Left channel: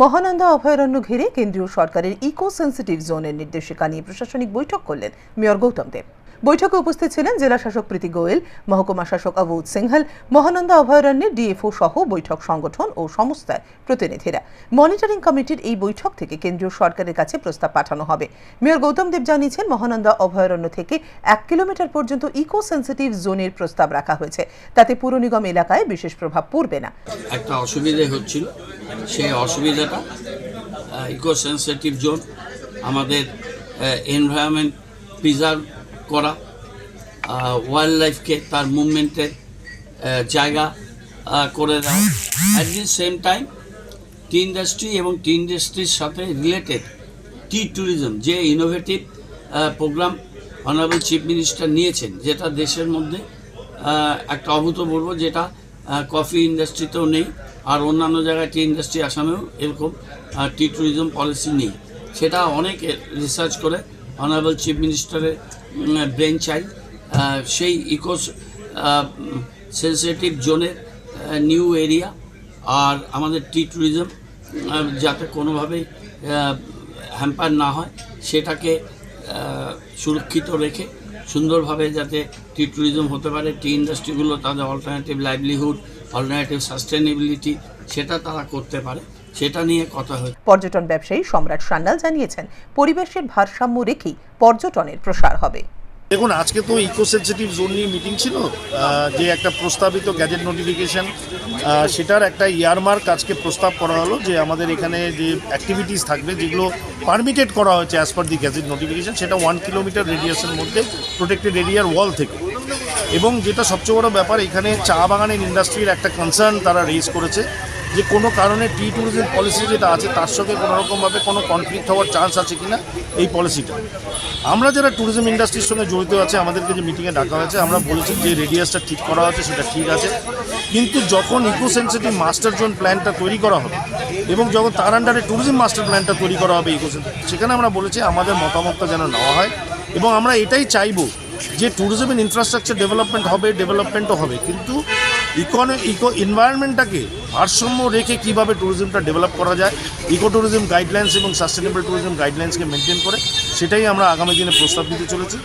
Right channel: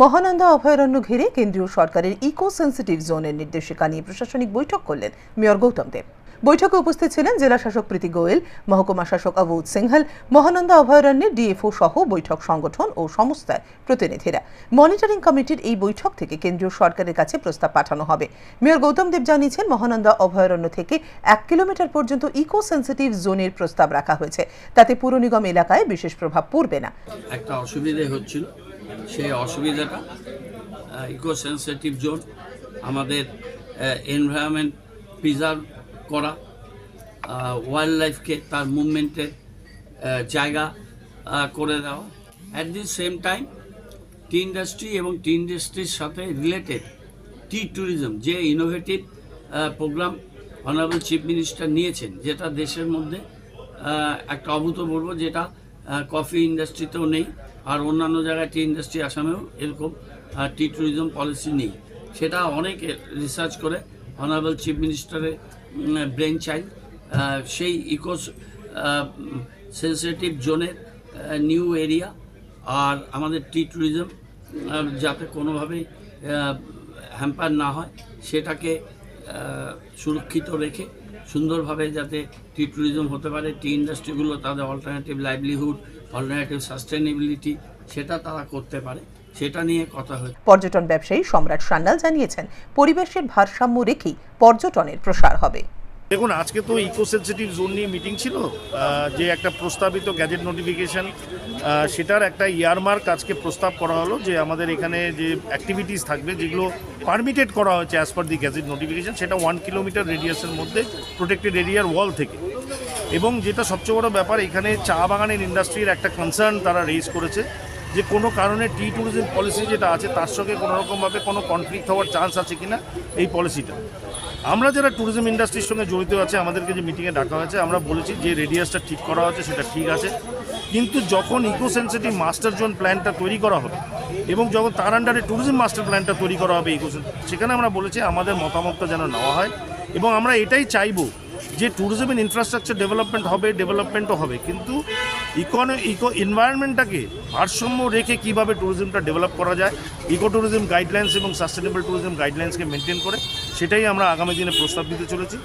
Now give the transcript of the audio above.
মহানন্দা অভয়ারণ্য ঘিরে কেন্দ্রীয় সরকারের ইকো সেন্সিটিভ জোনের নির্দেশিকা নিয়ে প্রশাসনিক বৈঠক করলেন মেয়র গৌতম দেব। বৈঠকে উপস্থিত ছিলেন জেলা শাসক প্রীতি গোয়েল, মহকুমা শাসক অবুধ সিংহল, মহানন্দা অভয়ারণ্যের ডিএফও সহ বৈঠক সংগঠন ও সংস্থার প্রতিনিধিরা। মনিটরিং কমিটির এই বৈঠক থেকে কেন্দ্রীয় সরকারের কাছে প্রস্তাব পাঠানো হবে। মেয়র গৌতম দেব জানিয়েছেন, মহানন্দা অভয়ারণ্য থেকে 1 কিলোমিটার পর্যন্ত ইকো সেন্সিটিভ জোনের প্রস্তাব রাখা হয়েছে, তাতে পুর নিগম এলাকায় বিশেষ প্রভাব পড়বে না। একটা অসুবিধা হচ্ছিল, সেই অসুবিধাটা ইকো সেন্সিটিভ জোন আমাদের এনভায়রনমেন্ট প্রিজার্ভ করা, ওয়াইল্ড লাইফকে তার মুভমেন্টের জায়গা করে দেওয়া, at the same time tea industry এবং টি ইন্ডাস্ট্রির সাথে রিলেটেড টি ট্যুরিজম যে innovative program honourable chief minister নিয়েছেন, যেটা দেশের মধ্যে একটা অভূতপূর্ব, যেটা কফি ইন্ডাস্ট্রিতেও নেই আর অন্যান্য জায়গায় টি ইন্ডাস্ট্রি আসামেও এরকম টি ট্যুরিজম পলিসি নেই। সেটা অনেক রিসার্চ করে অনারেবল চিফ মিনিস্টারের ব্রেন চাইল্ড সেই ইকো সেন্সিটিভ জোনের নিউ এরিয়া আর আমাদের টি ট্যুরিজম যাতে কোনোভাবেই হ্যাম্পার না হয়, সেটাকে সুরক্ষিত রেখে সুন্দরভাবে যাতে টি ট্যুরিজম হতে পারে, টি ইন্ডাস্ট্রিগুলো তাদের অল্টারনেটিভ লাইভলিহুড, অল্টারনেটিভ সাস্টেনেবিলিটি সেটা তারা করতে পারে, সেটা নিয়ে কথা হয়েছে। পর্যটন ব্যবসায়ী সম্রাট সান্যাল জানিয়েছেন, পরিবেশের ভারসাম্য রেখেই পর্যটনের প্রসার হবে। দেখুন, আজকে তো ইকো সেন্সিটিভ জোন নিয়ে মিটিং ছিল, যে একটা প্রস্তাবিত গ্যাজেট নোটিফিকেশন, সেটার একটা ইয়ারমার্ক আজকে প্রস্তাব করা হলো যে আমাদের এখানে যে অ্যাক্টিভিটিস থাকবে যেগুলো পারমিটেড করা হয়েছে অ্যাজ পার দি গ্যাজেট নোটিফিকেশন, সেটা 1 কিলোমিটার রেডিয়াসের মধ্যে প্রোটেক্টেড এরিয়ার ওয়াল থেকে। এবং যেটা সবচেয়ে বড় ব্যাপার, এখানে চা বাগানের ইন্ডাস্ট্রির একটা কনসার্ন তারা রেজ করেছে যে কোনো কারণে টি ট্যুরিজম পলিসি যেটা আছে তার সঙ্গে কোনোরকমভাবে কোনো কনফ্লিক্ট হওয়ার চান্স আছে কিনা এই পলিসিটা। আমরা যারা ট্যুরিজম ইন্ডাস্ট্রির সঙ্গে জড়িত আছে, আমাদেরকে যে মিটিংয়ে ডাকা হয়েছে, আমরা বলছি যে রেডিয়াসটা ঠিক করা হচ্ছে সেটা ঠিক আছে, কিন্তু যখন ইকো সেন্সিটিভ মাস্টার জোন প্ল্যানটা তৈরি করা হবে এবং যখন তার আন্ডারে ট্যুরিজম মাস্টার প্ল্যানটা তৈরি করা হবে সেখানে আমরা বলেছি আমাদের মতামতটা যেন নেওয়া হয়। এবং আমরা এটাই চাইবো যে ট্যুরিজম ইনফ্রাস্ট্রাকচার ডেভেলপমেন্টও হবে, কিন্তু ইকো এনভায়রনমেন্টটাকে ভারসাম্য রেখে কীভাবে ট্যুরিজমটা ডেভেলপ করা যায়, ইকো ট্যুরিজম গাইডলাইন্স এবং সাস্টেনেবল ট্যুরিজম গাইডলাইন্সকে মেনটেন করে, সেটাই আমরা আগামী দিনে প্রস্তাব দিতে চলেছি।